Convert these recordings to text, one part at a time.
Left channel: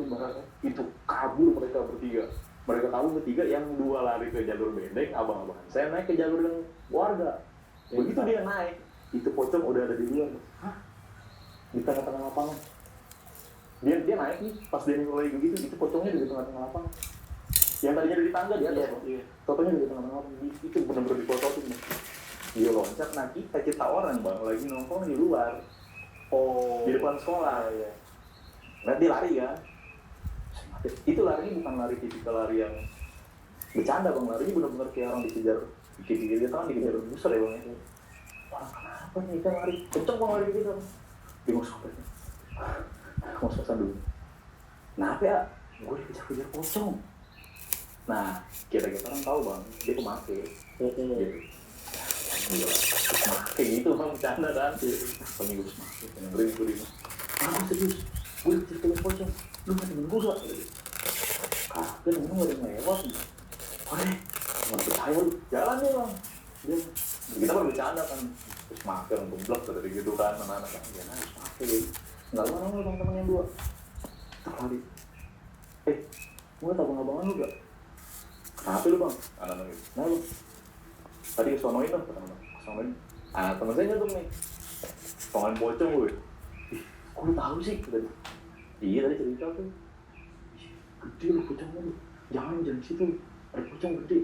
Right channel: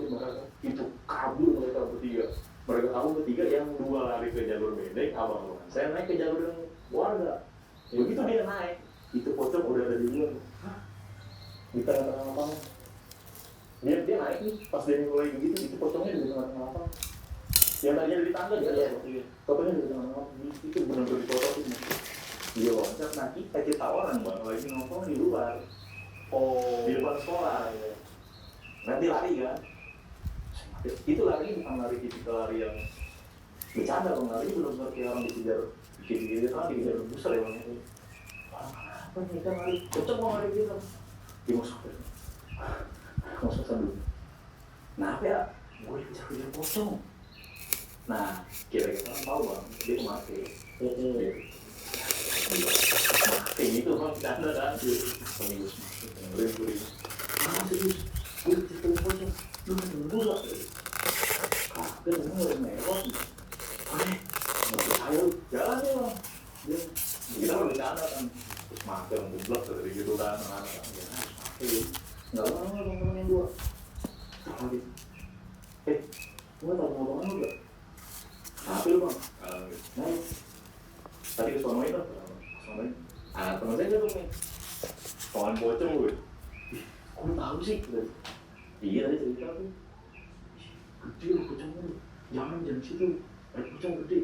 lewatin barangnya. Itu kabur mereka bertiga. Mereka tahu bertiga, yang 2 lari ke jalur benteng, abang-abang. Saya naik ke jalur warga. Begitu dia naik, itu pocong udah ada di luar. Hah? Di tengah-tengah lapangan. Dia naik nih, pas dia mulai begitu, itu pocongnya di tengah-tengah lapangan. Yang tadinya di tangga dia ada, fotonya di tengah-tengah lapangan. Itu benar-benar dipotokin. Dia loncat, nah kita orang bang lagi nongkrong di luar. Di depan sekolah. Nanti lari ya. Itu larinya bukan lari tipikal lari yang bercanda bang, larinya benar-benar kayak orang dikejar. Dikit-dikit kan dikejar busur ya bang. Wah kenapa nih kita lari? Pocong mau lari gitu. Dia mau sampai. Mau sampai. Kenapa ya? Gue dikejar-kejar pocong. Nah, kira-kira orang tahu bang, dia tuh mati. Kayak gitu bang, bercanda kan. Peminggu serius. Gue dikejar-kejar pocong. Lu kan yang berdua. Kagak, lu harus mewah. Aneh, nggak percaya lu. Jalan lu bang. Kita kan bercanda kan. Terus makan, goblok dari gitu kan. Anak-anak. Ya harus pakai. Nggak lama bang, temen yang 2. Sekali. Gue tahu abang-abangan lu gak? Kenapa lu bang? Nah, tadi kesonoin kan? Kesonoin. Temen saya nggak tuh nih. Tangan pocong lu ya? Kok lu tahu sih? Iya tadi cerita tuh. Gede lu pocong lu. Jangan situ. Ada pocong gede.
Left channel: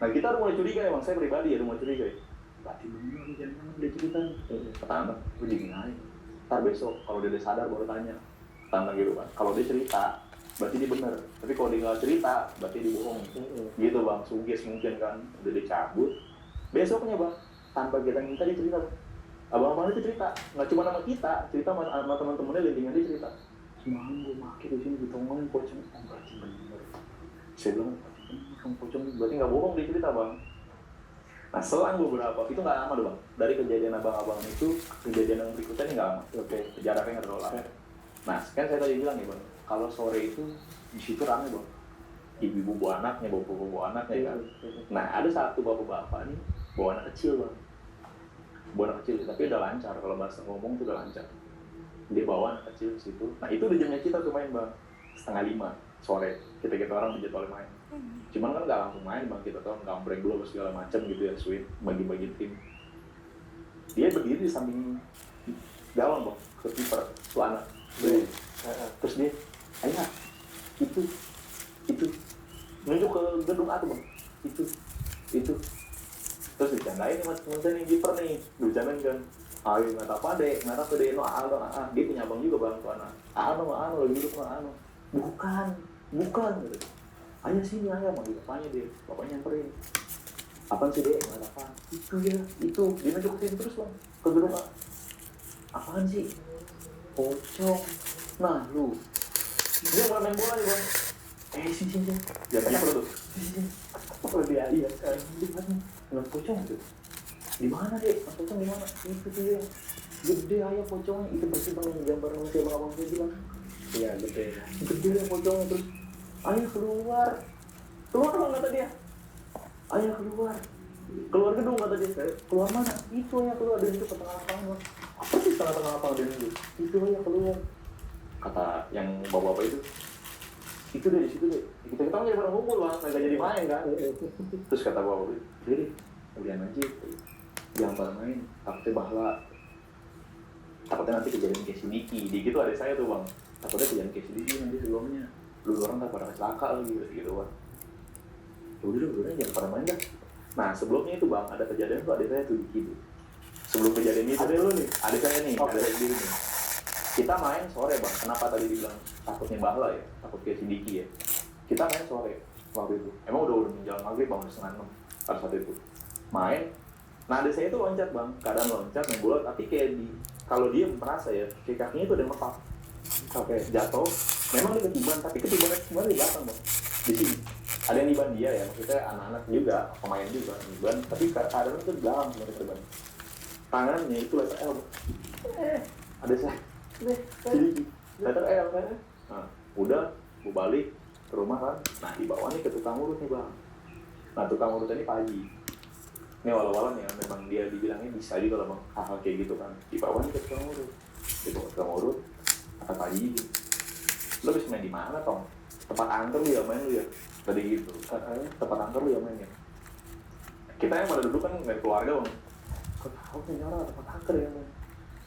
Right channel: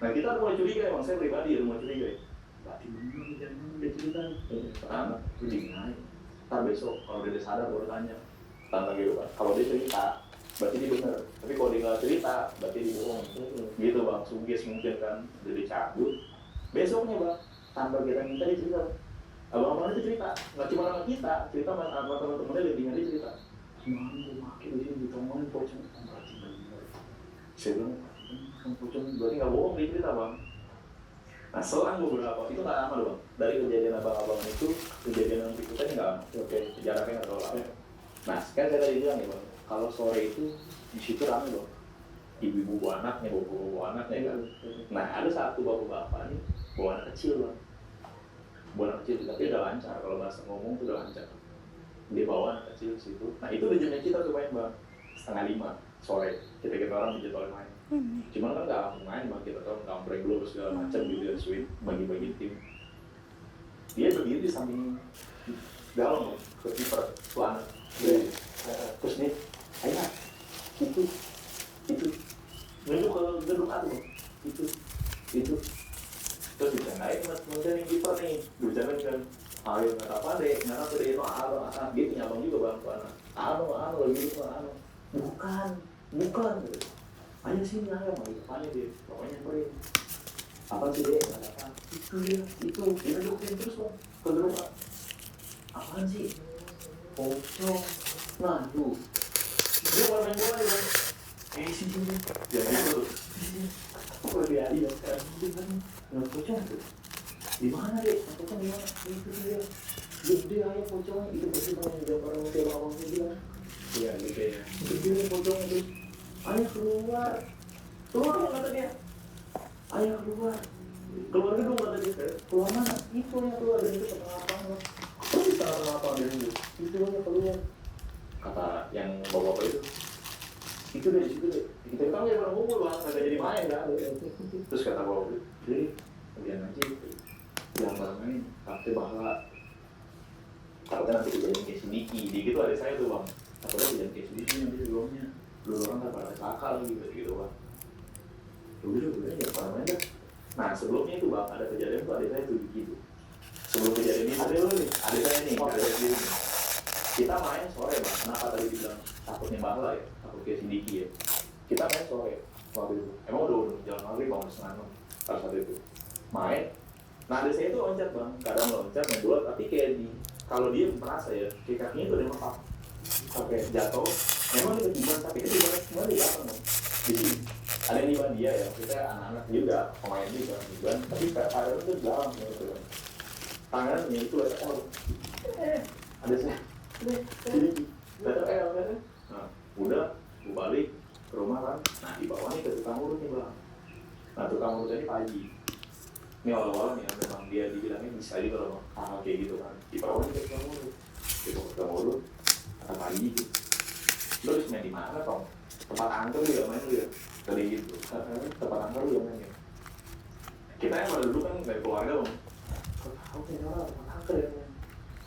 Nah kita mulai curiga ya bang, saya pribadi ya mulai curiga ya. Berarti bener lu jangan udah cerita. Pertama, lu dingin aja. Ntar besok kalau dia sadar baru tanya. Tanya gitu bang. Kalau dia cerita, berarti dia bener. Tapi kalau dia nggak cerita, berarti dia bohong. Gitu bang, sugis mungkin kan. Udah dicabut. Besoknya bang, tanpa kita minta dia cerita bang. Abang-abang itu cerita, nggak cuma sama kita, cerita sama teman-temannya dia cerita. Semalam gue pakai di sini ditongolin pocong. Berarti bener. Saya bilang, pocong berarti nggak bohong dia cerita bang. Nah selang beberapa, itu nggak lama doang. Dari kejadian abang-abang itu, kejadian yang berikutnya nggak lama. Jaraknya nggak terlalu lama. Nah kan saya tadi bilang ya bang, kalau sore itu di situ ramai bang. Ibu-ibu bawa anaknya, bawa anaknya kan. Nah ada satu bapak-bapak nih bawa anak kecil bang. Bawa anak kecil, tapi udah lancar. Kalau bahasa ngomong tuh udah lancar. Dia bawa anak kecil ke situ. Nah itu udah jamnya kita tuh main bang. 4:30 sore. Kita orang dijadwalin main. Cuman kan nggak langsung main bang. Kita orang gambreng dulu segala macam gitu ya. Sweet, bagi-bagi tim. Dia berdiri di samping dalam bang. Ke kiper, tuh anak. Terus dia, ayah, itu nunjuk ke gedung A tuh bang. Itu. Terus dicandain mas temen yang kiper nih. Dicandain kan. Ayo nggak apa deh, nggak tahu deh, dia punya abang juga bang tuh anak. Lagi gitu anu. Bukan gitu. Ayo sini ayah manggil bapaknya dia, bapaknya nyamperin. Apa sih deh, nggak apa. Itu, dia nunjukin terus bang, ke gedung A. Apaan sih? Pocong. Nah lu, dia main bola nih bang. Sini. Dia banyak tuh. Sini. Apa dia ya? Dia kan nggak pocong tuh. Di mana deh? Pocong di mana? Itu dia. Gede aja pocong itu pasti bang gambar kayak abang saya bilang. Iya gitu ya. Gede pocong itu. Ayah keluar dong kata dia. Ayah keluar gedung kata dia. Keluar mana? Itu ayah keluar dari tengah lapangan. Apa sih tengah lapangan ini? Itu ayah keluar. Kata yang bawa-bawa itu deh di situ deh. Kita nggak pernah ngumpul bang, nggak jadi main kan. Terus kata bawa deh, kemudian aja. Yang bareng-bareng takutnya bahwa takutnya nanti kejadian kayak si Diki tuh ada saya tuh bang, takutnya kejadian kayak si Diki nanti sebelumnya dulu orang gak pernah celaka lagi gitu bang. Udah jangan pernah main dah. Nah sebelumnya itu bang ada kejadian tuh ada saya tuh Diki tuh. Sebelum kejadian ini ada lu nih, ada saya nih, ada saya sendiri nih. Kita main sore bang, kenapa tadi dibilang takutnya bahwa ya, takut kayak si Diki ya. Kita main sore waktu itu, emang udah menjelang maghrib bang, 5:30 pada saat itu main. Nah ada saya itu loncat bang, kadang loncat main bola, tapi kayak kalau dia merasa ya, kayak kakinya itu ada empat sampai jatuh. Memang dia ketiban, tapi ketiban semua di belakang bang. Di sini ada yang diban dia ya, maksudnya anak-anak juga, pemain juga diban, tapi kadang itu di belakang gitu bang. Tangannya itu ada L, ada saya, jadi ada L kan? Nah udah, gue balik ke rumah kan. Nah di bawahnya ke tukang urut nih bang. Nah tukang urut ini Pak Haji. Ini walau-walau ya, memang dia dibilangnya bisa juga kalau hal kayak gitu kan. Di bawahnya ke tukang urut, gitu tukang urut kata Pak Haji gitu. Lu Lo bisa main di mana Tong? Tempat angker dia main dia tadi gitu. Tempat angker dia main ya. Kita yang pada dulu kan dari keluarga Bang. Tahu ternyata tempat angker ya.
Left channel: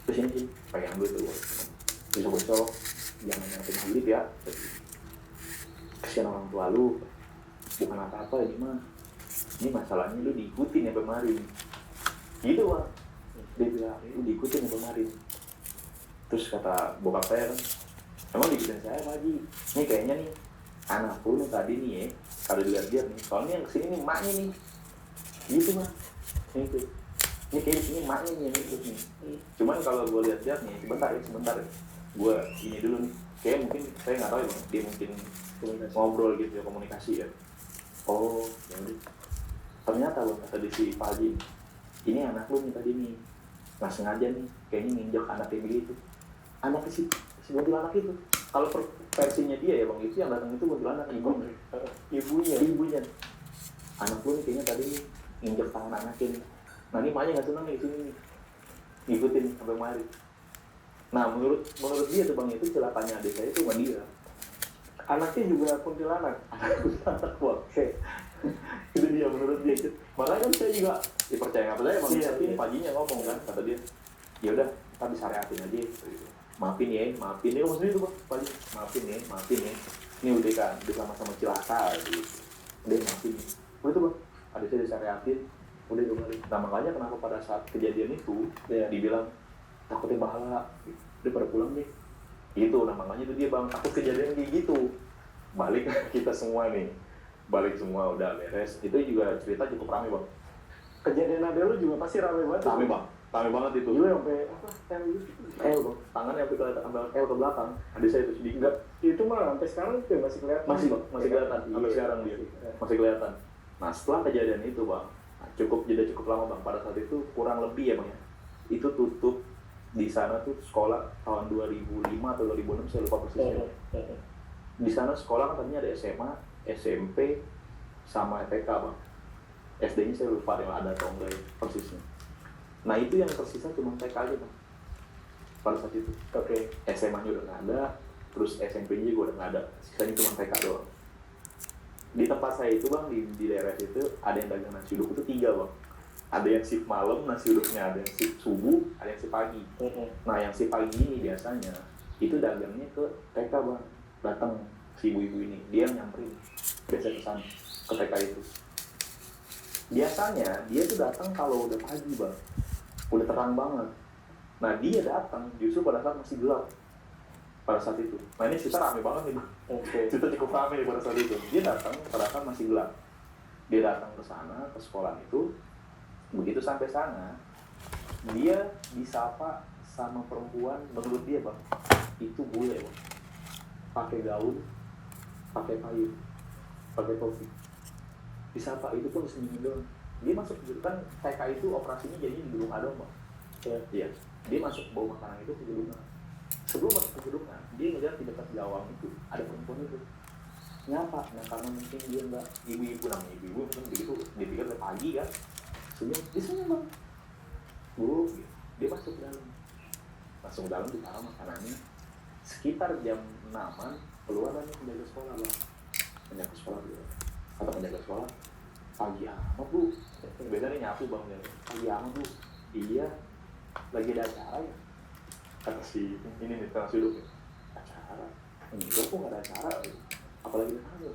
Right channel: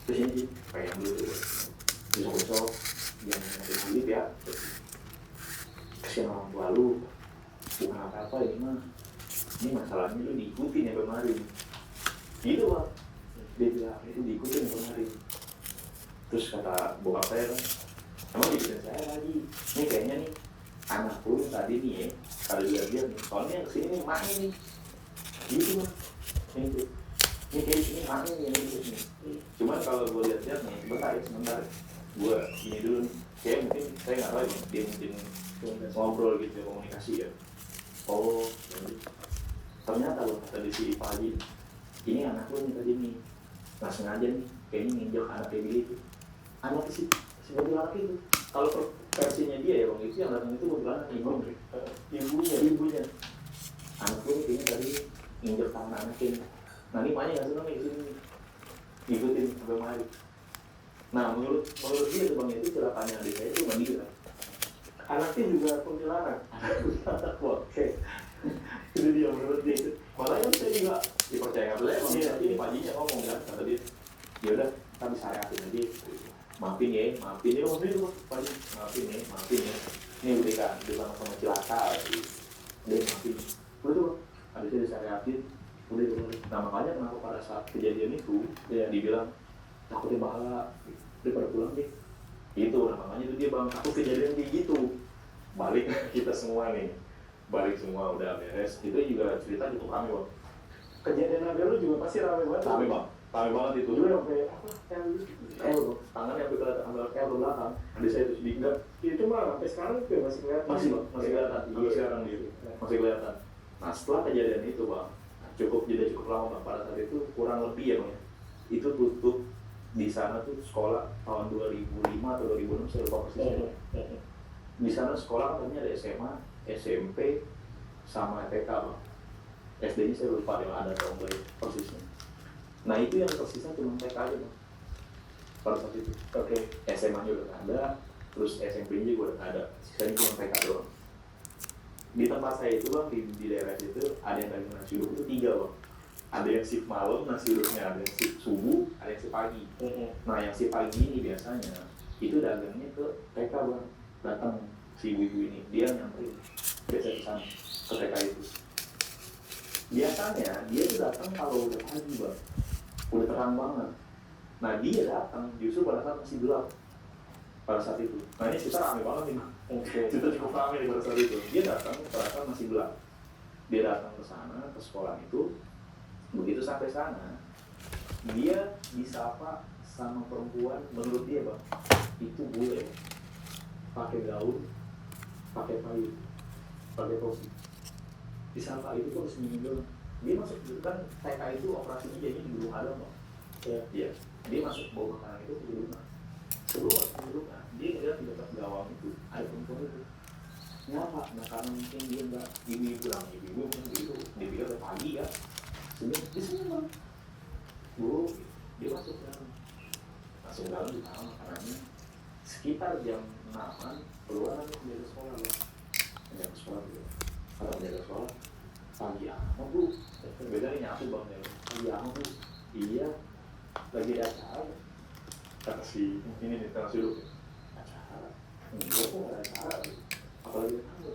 Terus ini pengen dulu tuh. Besok-besok jangan nanti sendiri ya. Kasihan orang tua lu. Bukan apa-apa ini mah. Ini masalahnya lu diikutin ya kemarin. Gitu Bang. Dia bilang itu diikutin ya kemarin. Terus kata bokap saya kan, emang diikutin saya lagi. Ini kayaknya nih anak lu tadi nih ya, kalau dilihat nih, soalnya yang kesini nih maknya nih. Gitu Bang. Itu. Ini kayak sini maknya nih yang ikut nih. Cuman kalau gue lihat-lihat nih, sebentar ya. Gue ini dulu nih. Kayak mungkin saya nggak tahu ya, dia mungkin ngobrol gitu ya, komunikasi ya. Oh, jadi ternyata loh kata di si Pagi, ini anak lu nih tadi nih, nggak sengaja nih, kayaknya nginjek anaknya begitu. Anak si mobil anak itu, kalau versinya dia ya Bang, itu yang datang itu mobil anak ibunya. Anak lu nih kayaknya tadi nginjek tangan anaknya. Nah ini maknya nggak seneng nih sini, ngikutin sampai mari. Nah menurut dia tuh Bang, itu celakanya adik saya itu Mandira. Anaknya juga kuntilanak. Anak oke. Itu dia menurut dia. Makanya saya juga dipercaya nggak boleh Bang. Tapi ini paginya ngomong kan, kata dia, ya udah kita bisa reakin aja. Maafin ya, maksudnya itu Bang. Maafin ya. Ini udah sama cilaka. Dia maafin. Udah tuh Bang. Adik saya bisa reakin. Udah kembali. Nah makanya kenapa pada saat kejadian itu dia dibilang takutnya bahala. Dia pada pulang deh. Itu namanya itu dia Bang, takut kejadian kayak gitu. Balik kita semua nih, balik semua udah beres. Itu juga cerita cukup ramai Bang. Kejadian ada lu juga pasti ramai banget. Ramai banget itu. Juga sampai apa? Tangannya sampai kelihatan ambil ke belakang. Ada saya itu sedikit. Enggak, itu mah sampai sekarang tuh masih kelihatan. Masih kelihatan. Sampai sekarang gitu. Masih kelihatan. Nah setelah kejadian itu Bang, cukup lama Bang. Pada saat itu kurang lebih ya Bang. Itu tutup di sana tuh sekolah tahun 2005 atau 2006 saya lupa persisnya. Di sana sekolah katanya ada SMA, SMP, sama TK Bang. SD-nya saya lupa yang ada tahun berapa persisnya. Nah itu yang tersisa cuma TK aja Bang. Pada saat itu. Oke. SMA-nya udah nggak ada, terus SMP-nya juga udah nggak ada. Sisanya cuma TK doang. Di tempat saya itu Bang, di daerah itu ada yang dagang nasi uduk itu 3 Bang. Ada yang shift malam nasi uduknya, ada yang shift subuh, ada yang shift pagi. Nah yang shift pagi ini biasanya itu dagangnya ke TK Bang. Datang si ibu-ibu ini, dia nyamperin biasa ke sana, ke TK itu. Biasanya dia tuh datang kalau udah pagi Bang, udah terang banget. Nah dia datang justru pada saat masih gelap pada saat itu. Nah ini cerita rame banget nih Bang. Cerita cukup rame pada saat itu. Dia datang pada saat masih gelap. Dia datang ke sana, ke sekolah itu. Begitu sampai sana, dia disapa sama perempuan, menurut dia Bang, itu bule Bang. Pakai gaun, pakai kayu, pakai topi. Disapa itu tuh senyum doang. Dia masuk kan TK itu operasinya jadi belum ada Bang. Iya. Dia masuk bawah makanan itu sebelum masuk ke gedung, dia ngeliat di dekat gawang itu ada perempuan itu. Nyapa, nah karena mungkin dia enggak ibu-ibu mungkin begitu, dia pikir udah pagi ya. Di sini Bang, bu, dia masuk langsung dalam ditaruh makanannya. Sekitar jam 6-an keluar lagi penjaga sekolah Bang. Penjaga sekolah gitu. Kata penjaga sekolah, pagi apa Bu? Bedanya nyatu Bang ya. Pagi apa Bu? Iya, lagi ada acara. Kata si ini nih, tengah sudut. Acara? Enggak kok ada acara. Apalagi ada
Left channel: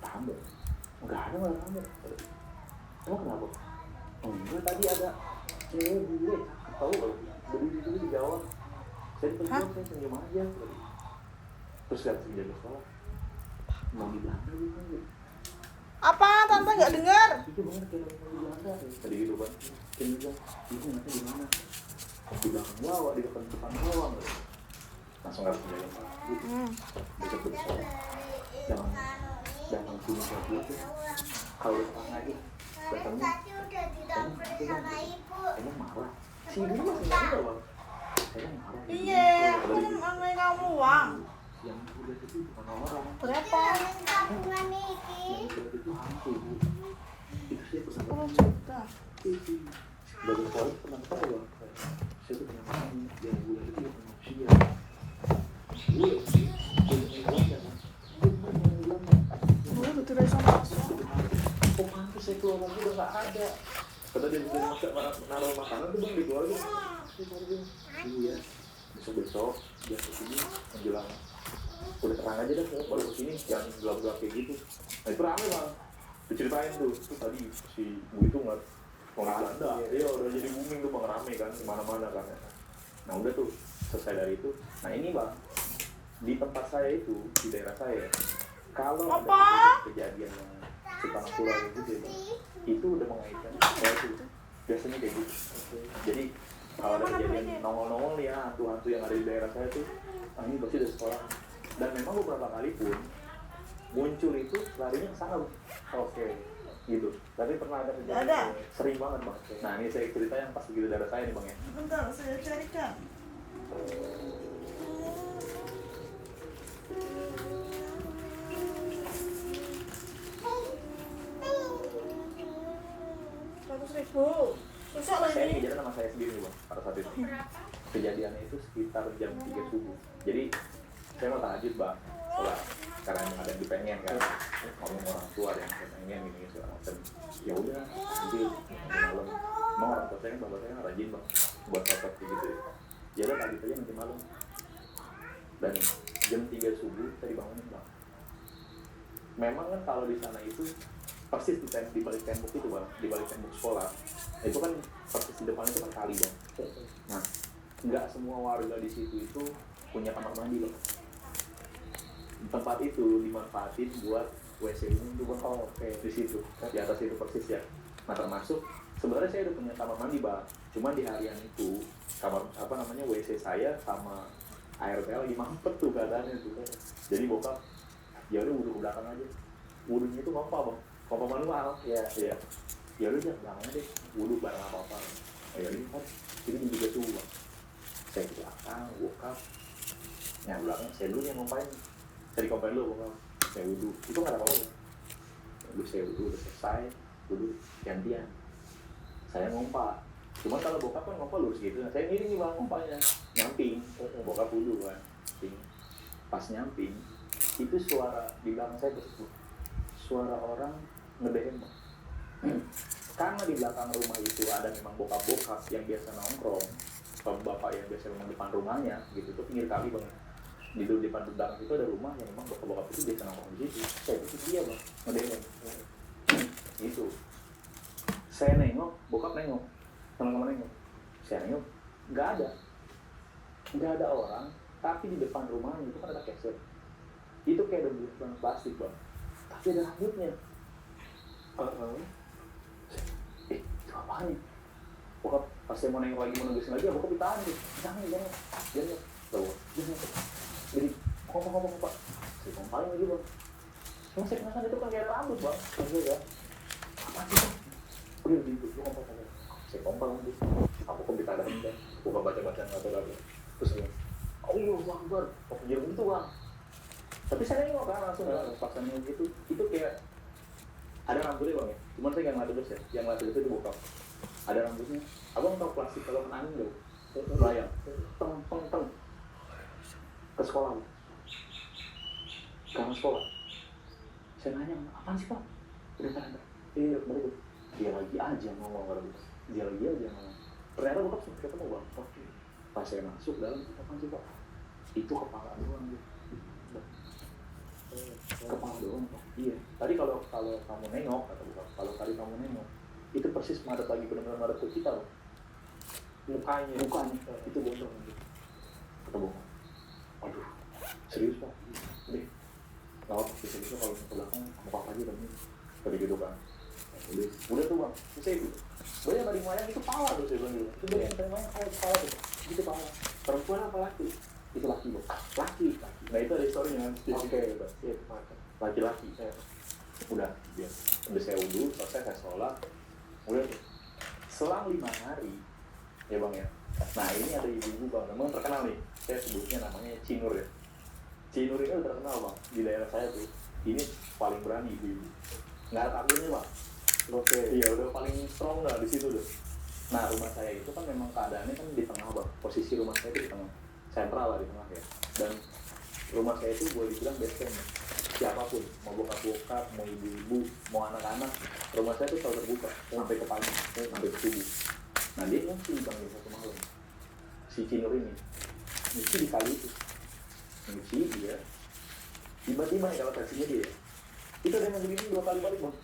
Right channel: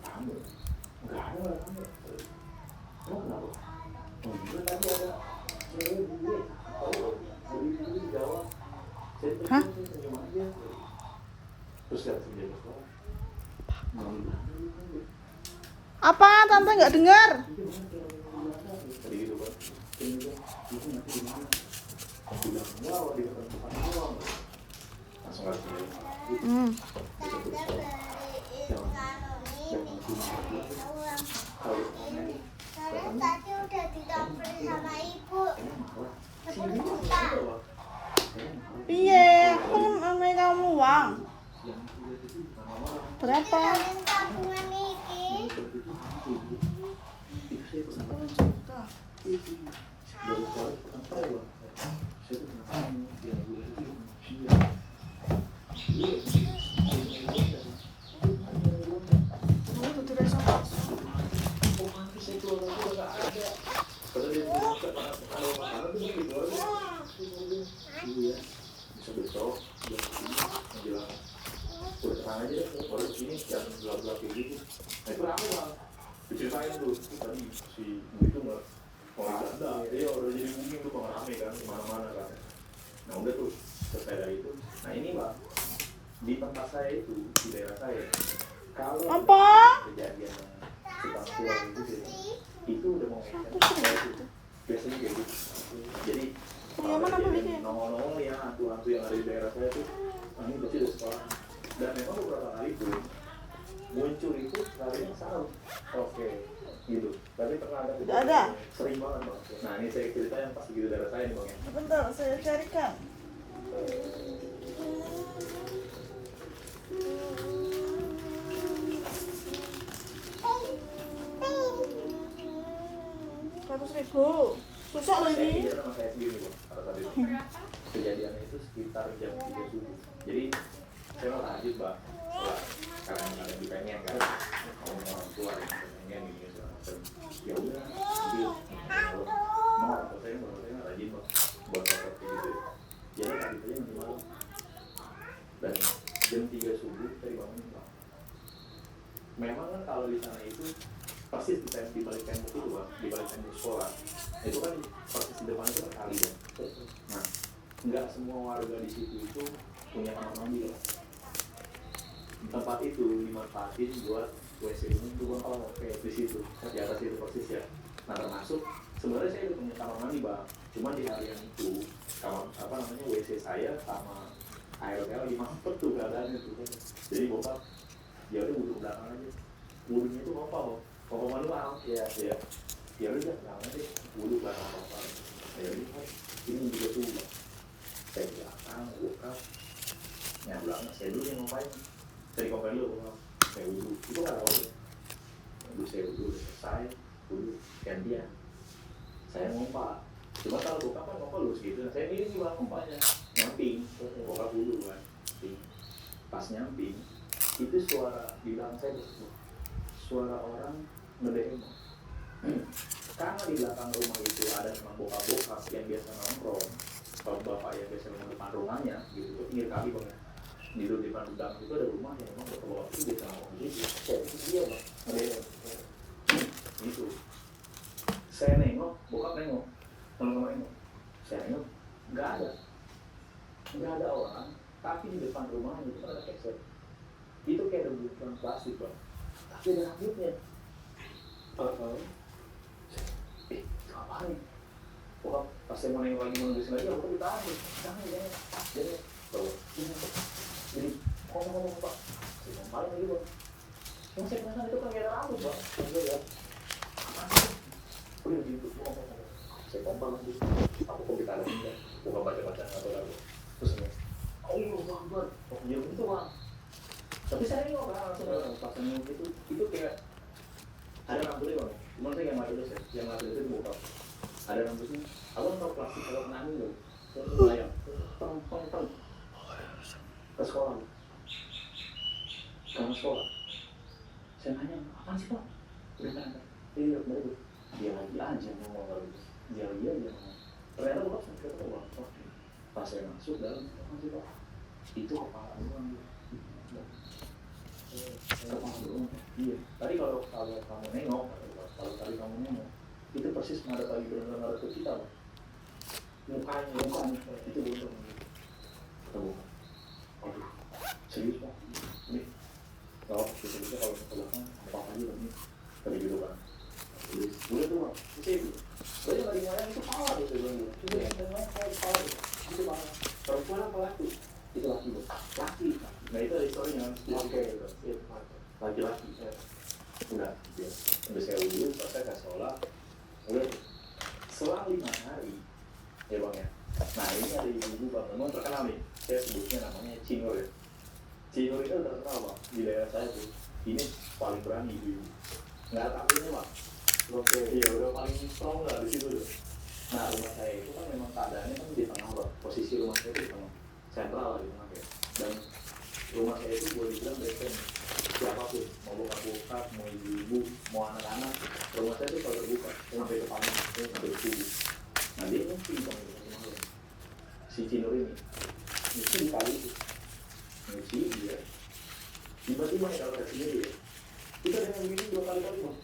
tamu. Enggak ada tamu. Emang kenapa? Enggak, tadi ada cewek bule, tahu loh, beli di Jawa. Saya pergi, saya senyum aja. Terus lihat si penjaga sekolah, mau bilang dulu. Apa? Tante nggak dengar? Itu banget kayak orang Belanda. Tadi gitu Bang. Penjaga, itu nyata di mana? Bilang Jawa, di depan Jawa. Langsung nggak penjaga. Besok ke sekolah. Jangan punya gitu. Kalau ditanya aja. Tadi udah didompleng sama ibu. Iya, aku mana kamu uang? Berapa? Tabungan ini. 10 juta. Dari sekolah pernah tahu Bang. Saya tuh pernah yang gue itu saya keluar lagi udah nggak ada. Kata dia mau masak naruh makanan tuh belum dijual tuh. Iya. Besok dia kesini menjelang udah terang aja deh, kalau kesini yang gelap-gelap kayak gitu. Nah itu rame bang. Diceritain tuh tadi si Bu itu nggak mau ada. Iya udah jadi booming tuh bang, rame kan kemana-mana kan. Nah udah tuh selesai dari itu. Nah ini bang, di tempat saya itu di daerah saya kalau ada kejadian tukang surat itu udah mengaitkan itu biasanya kayak gitu. Jadi kalau ada kejadian nongol-nongol ya hantu-hantu yang ada di daerah saya tuh ini pasti dari sekolah. Dan memang beberapa kali pun muncul itu larinya ke sana. Oke gitu. Tapi pernah ada kejadian sering banget bang. Nah ini saya cerita yang pasti di daerah saya nih bang ya. Bentar, saya carikan. Rp100.000. Susah loh Saya ini. kejadian sama saya sendiri bang pada saat itu. Kejadiannya itu sekitar jam 3 subuh. Jadi saya mau tajib bang. Karena ada yang dipengen kan, ngomong orang tua yang pengen gini segala macam. Ya udah, nanti malam. Mau orang tua saya, bapak saya rajin bang buat foto kayak gitu. Jadi tadi aja nanti malam. Dan jam 3 subuh saya dibangunin bang. Memang kan kalau di sana itu persis di balik tembok itu bang, di balik tembok sekolah itu kan persis di depan itu kan kali ya. Nah, nggak semua warga di situ itu punya kamar mandi bang. Tempat itu dimanfaatin buat WC umum tuh bang. Oh, oke di situ di atas itu persis ya. Nah termasuk sebenarnya saya udah punya kamar mandi bang. Cuma di harian itu kamar WC saya sama airnya lagi mampet tuh keadaannya tuh. Jadi bokap ya udah wudhu belakang aja. Wudhunya itu apa bang? Papa mandi mah ya ya. Ya udah belakang deh wudhu belakang apa? Ya lihat ini juga tuh bang. Saya belakang bokap. Yang belakang saya dulu yang ngapain? Saya komplain dulu, saya wudhu, itu nggak ada apa-apa. Lalu saya wudhu, udah selesai, wudhu gantian. Saya ngompak, cuma kalau bokap kan ngompak lurus gitu. Saya miring nih bang ngompaknya, nyamping, bokap wudhu kan. Pas nyamping, itu suara di belakang saya tuh, suara orang ngedem. Karena di belakang rumah itu ada memang bokap-bokap yang biasa nongkrong, bapak yang biasa memang depan rumahnya, gitu, itu pinggir kali bang. Di depan belakang itu ada rumah yang memang bapak-bapak itu biasa ngomong di situ. Itu dia bang, ngedem. Gitu. Saya nengok, bokap nengok, teman-teman nengok. Saya nengok, nggak ada orang. Tapi di depan rumahnya itu ada keset. Itu kayak ada bungkusan plastik bang. Tapi ada rambutnya. Itu apaan nih? Bokap pas saya mau nengok lagi menunggu lagi, bokap ditahan tuh. Jangan. Jadi ngomong pak, saya ngompalin lagi bang. Yang saya penasaran itu kan kayak rambut bang. Ya. Apa sih? Udah gitu, ngomong. Saya ngompal lagi. Aku kok kita ada tinggal. Bukan baca-baca atau terus ini. Allah Akbar. Oh dia begitu bang. Tapi saya nengok kan langsung pasangnya gitu. Itu kayak ada rambutnya bang. Cuman saya nggak ngeliat ya. Yang ngeliat itu di bokap. Ada rambutnya. Aku nonton plastik kalau kena angin loh. Layang. Teng. Ke sekolah, ke sekolah. Saya nanya, apaan sih pak? Dia lagi aja ngomong kalau gitu. Dia lagi aja ngomong. Ternyata bokap saya kata bang, pas saya masuk dalam, apaan sih pak? Itu kepala doang gitu. Kepala doang. Iya. Tadi kalau kamu nengok, kalau tadi kamu nengok, itu persis madep lagi benar-benar madep ke kita. Mukanya itu bocor. Ketemu. Aduh, serius pak? Udah, kalau gitu kalau ke belakang apa aja lagi, kayak gitu kan? Udah tuh bang, saya itu, banyak dari mana itu power tuh saya bilang gitu. Coba yang dari mana power, gitu bang. Perempuan apa laki? Itu laki bang, laki. Nah itu ada historinya, oke, laki-laki. Udah saya wudhu, selesai saya sholat, udah selang 5 hari, ya bang ya. Nah ini ada ibu bang, memang terkenal nih. Saya sebutnya namanya Cinur ya. Cinur itu udah terkenal bang di daerah saya tuh. Ini paling berani ibu. Nggak takunya bang. Oke, iya udah paling strong lah di situ deh. Nah rumah saya itu kan memang keadaannya kan di tengah bang. Posisi rumah saya itu di tengah, sentral lah di tengah ya. Dan rumah saya itu boleh dibilang basement. siapapun, mau bokap-bokap, mau ibu-ibu, mau anak-anak, rumah saya tuh selalu terbuka sampai ke pagi, sampai ke subuh. Nah dia kan sih bang satu malam, si Cino ini nyuci di kali itu, nyuci dia, tiba-tiba ya kalau kasihnya dia, itu ada yang begini 2 kali bang,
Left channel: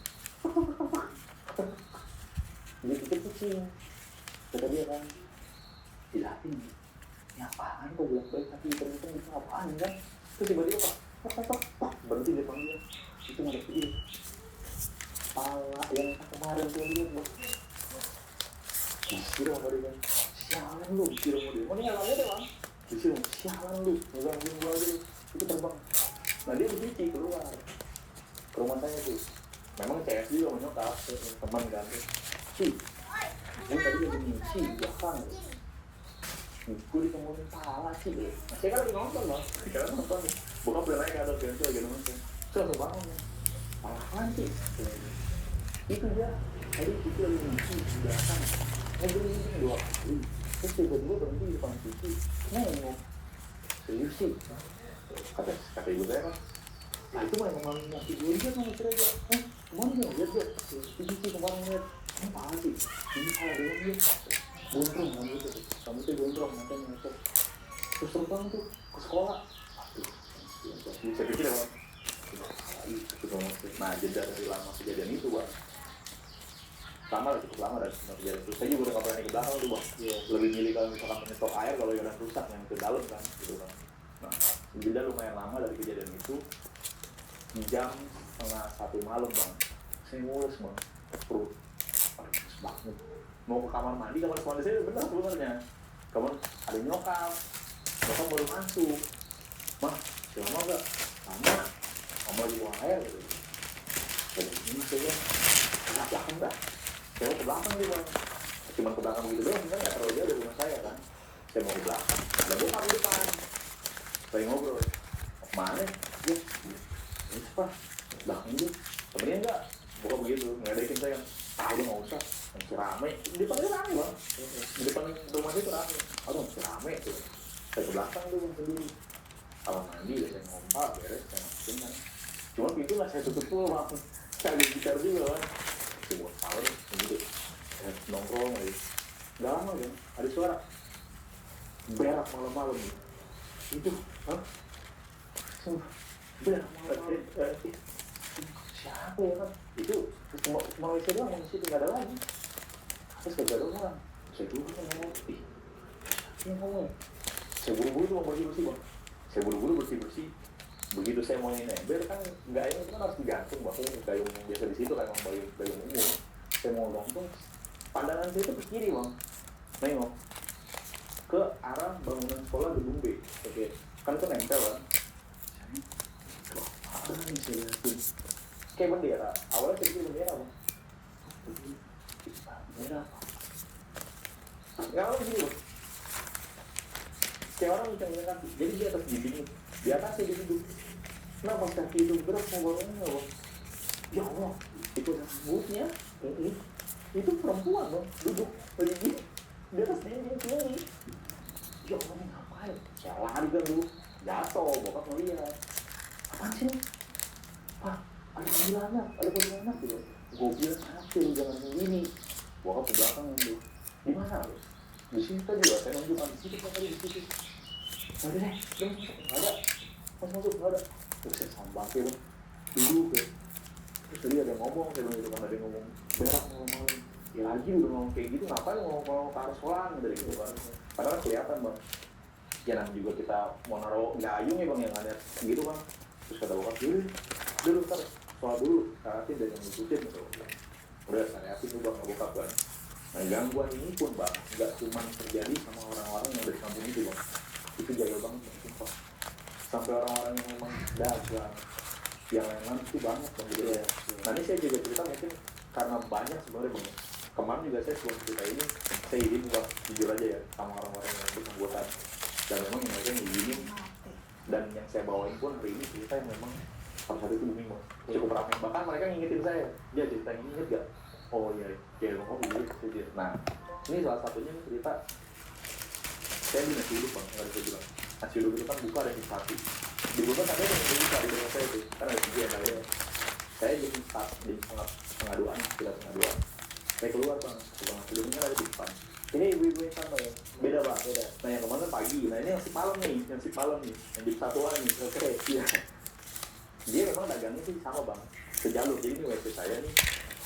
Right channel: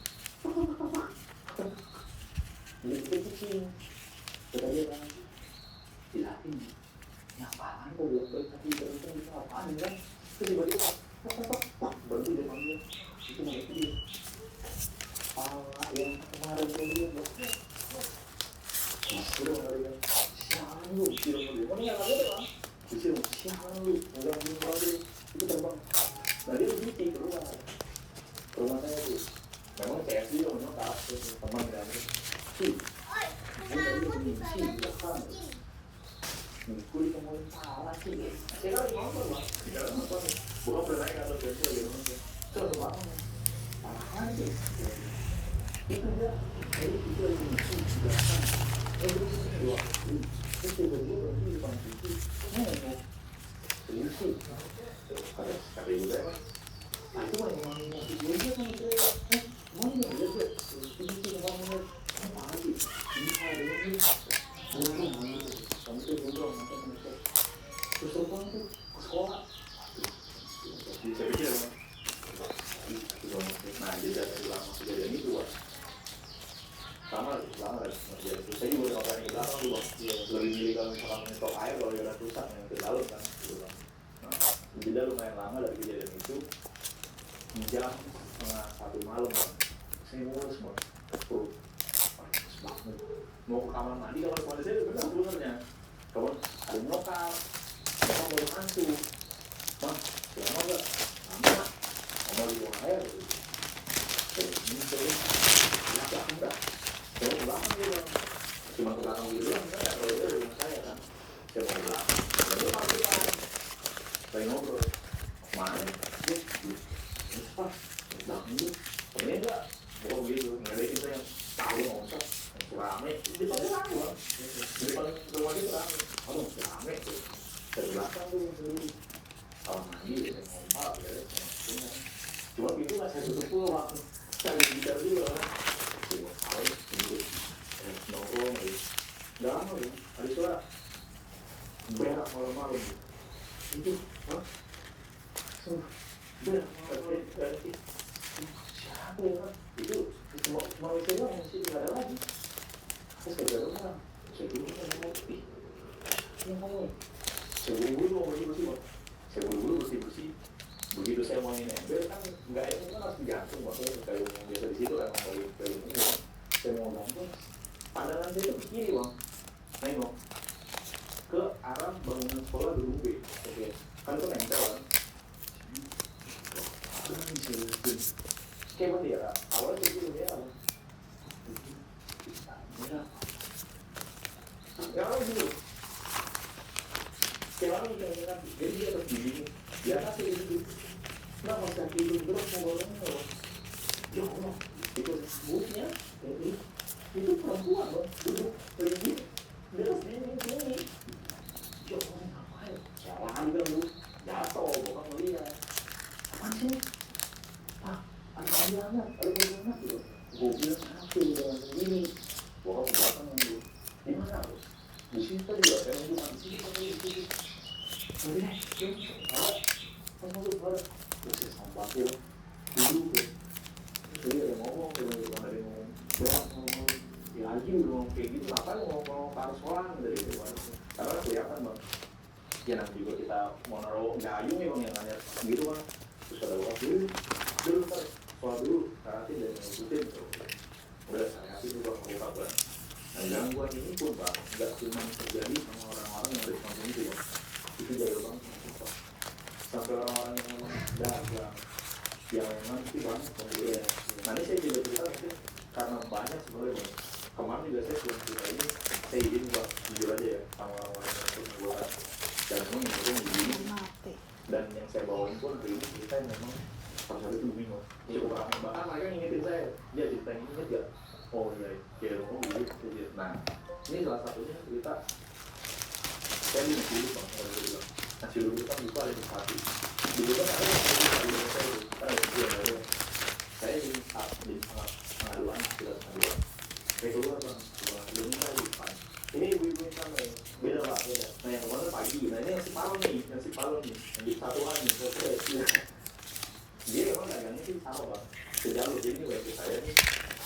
dia pikir kucing, kata dia kan, dilatih, ini apaan kok baik tapi ternyata itu apaan kan, terus tiba-tiba berhenti dia panggil, itu mau dia, pala yang kemarin tuh dia disuruh mereka, sialan lu, disuruh dia, mana yang ada kan? Disuruh, sialan lu, dalam jumlah dia, itu terbang. Nah dia begitu keluar ke rumah saya tuh, memang CS juga menyokap, teman dan sih, gue tadi begini sih, belakang, gue ditemuin salah sih, saya kan lagi nonton lah, kita nonton, bukan udah naik ke atas bento lagi nonton, terus bangun, apaan sih? Itu dia, tadi itu lagi nyuci di belakang. Jadi dua kali, terus tiba-tiba berhenti di depan cuci, nengok, serius sih, kata ibu saya kan, nah itu mah emang nyakit dia kan cerai, mau dia juga, ini sih kemarin, apa sih, ini saya dengan dia, buntung kan gitu, kamu tuh buntung, nanti menyesal, terus terbang tuh ke sekolah, saya pikir ya bang, nah jeda lama kejadian itu bang. Sama lah, cukup lama dan kejadian itu. Saya juga udah gak berani ke belakang tuh bang. Lebih milih kalau misalkan menyetop air kalau yang rusak yang ke dalam kan. Gitu, bang. Nah, jeda lumayan lama dari kejadian itu. Jam 1:30 malam bang. Saya mulus bang, perut banget. Mau ke kamar mandi, kamar mandi saya benar sebenarnya. Kamar ada nyokap boleh masuk. Mah, selama gak? Sama di ruang air gitu. Ini saya kenapa enggak? Saya mau ke belakang gitu, cuma ke belakang gitu doang, kan? Kalau dia dari rumah saya kan, saya mau ke belakang. Dan gue tahu depan, saya ngobrol, mana? Ini apa? Belakang ini, temennya enggak? Bukan begitu, nggak ada yang saya tahu nggak usah, masih rame. Di depan dia rame bang, di depan rumah dia rame. Aduh masih rame tuh. Saya ke belakang tuh sendiri, kamar mandi, saya ngompal, saya ngomong. Cuma pintu nggak saya tutup tuh bang, saya lagi bicara juga bang. Nongkrong lagi, udah lama ya, ada suara berak malam-malam itu, berak siapa ya kan, itu mau itu doang yang masih nggak ada lagi, terus gak ada orang, saya dulu kan ngomong, ini ngomong, saya buru-buru mau bersih bang, saya buru-buru bersih, begitu saya mau nembel kan, nggak ini kan harus digantung maksudnya kayak biasa di situ kan ngomong kayak umum. Saya mau nonton, pandangan saya itu ke kiri bang, nengok ke arah bangunan sekolah gedung B, oke, kan itu nempel kan, apa nih saya lihatin, kayak bendera, awalnya itu bendera bang, bendera, yang lalu gini, kayak orang bisa kan, jadi di atas dinding, di atasnya di situ, nah pas kaki itu berat mau barangnya bang, ya Allah, itu ada buknya. Itu perempuan dong, duduk lagi di atas dinding sini. Ya Allah ngapain? Jalan juga dulu, jatuh, bokap ngeliat. Apaan sih? Ah, ada panggilannya gitu. Gue bilang sakit, jangan begini. Bokap ke belakang dulu. Di mana lo? Di sini tadi juga, saya nunggu di sini kan di sini. Nanti deh, saya masuk ke ada. Terus saya sampai dulu tuh. Terus dia ada ngomong, ada ngomong. Berak ngomong, ya lagi udah ngomong kayak gitu, ngapain ngomong-ngomong ke arus orang dari gitu kan. Padahal kelihatan bang, ya namanya juga kita mau naruh gayung ya bang, yang nanya gitu kan. Terus kata orang dulu kan, soal dulu, karate dan ngikutin gitu. Udah karate itu bang, bokap kan. Nah gangguan ini pun bang, gak cuma terjadi sama orang-orang yang dari kampung itu bang. Itu jauh banget, sampai orang-orang yang memang dagang, yang memang itu banget bang. Nanti saya juga cerita mungkin karena banyak sebenarnya bang. Kemarin juga saya sebelum cerita ini, saya izin buat jujur aja ya sama orang-orang yang ikut buat. Dan memang yang begini, dan yang saya bawain pun ini cerita yang memang pada saat itu booming bang. Cukup ramai, bahkan mereka ngingetin saya, ya cerita ini inget gak? Oh iya, kayak rumah begini. Nah, ini salah satunya cerita saya di nasi uduk bang, nasi uduk kan buka ada di satu. Di buka ada yang buka di saya itu, kan ada setengah duaan, sekitar setengah duaan. Kayak keluar bang, sebelumnya ada di depan. Ini ibu-ibu yang sama ya, beda bang, beda. Nah yang kemana pagi, nah ini yang si Palem nih, yang di satuan nih, selesai. Iya. Dia memang dagangnya sih sama bang, sejalur. Jadi ini WC saya nih,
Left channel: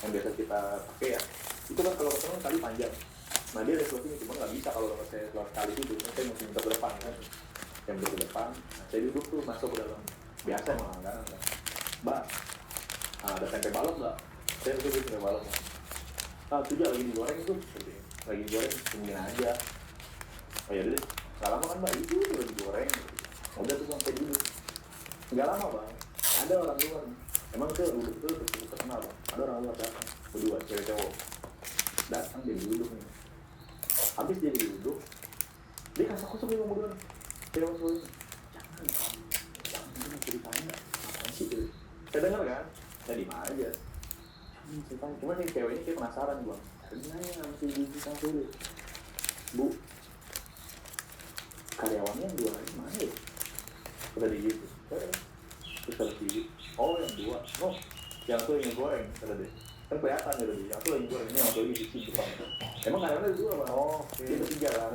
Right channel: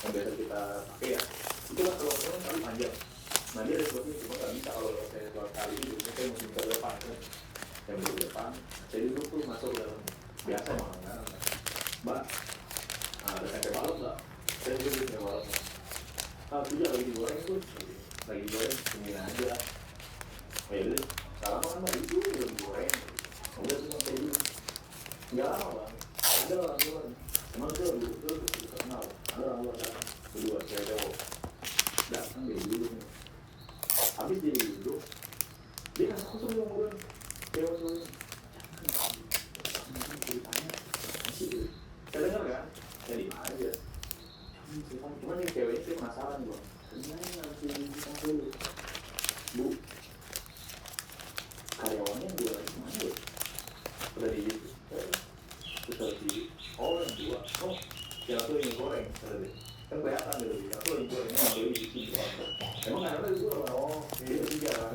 yang biasa kita pakai ya. Itu kan kalau ketemu kali panjang. Nah dia ada ini cuma nggak bisa kalau saya keluar kali itu, saya mesti ke depan kan. Yang di depan, saya duduk tuh masuk ke dalam. Biasa emang kan, mbak. Nah, ada tempe balok nggak? Saya duduk tempe balok. Ah, tidak lagi digoreng itu, lagi goreng senyum aja. Oh ya deh, salah kan mbak itu lagi digoreng. Udah tuh sampai dulu. Nggak lama bang, ada orang luar. Emang saya dulu itu terkenal. Ada orang luar datang, berdua cewek cowok datang dia duduk nih. Habis dia duduk, dia kasih aku suruh ngomong cewek suruh. Saya dengar kan, saya di mana aja. Cuma nih ceweknya sih penasaran bang. Sebenarnya nggak mesti dibilang dulu. Bu, karyawannya yang jualan di mana ya? Udah di gitu. Terus habis di, oh yang dua, oh yang tuh yang goreng, kan kelihatan gitu. Yang tuh yang goreng ini yang beli di sini. Emang karyawannya itu dua, oh dia bertiga lah.